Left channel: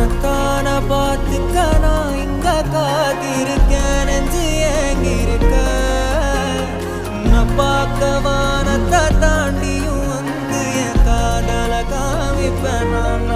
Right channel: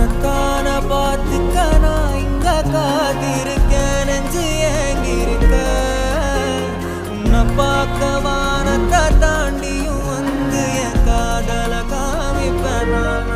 உனத்தான பார்த்துக்க நான் இங்க காத்திருக்கேன் நெஞ்சு ஏங்கிருக்க உன்னை பார்க்க வானத்தை தாண்டியும் வந்து என் காதல காமிப்பேன் நான்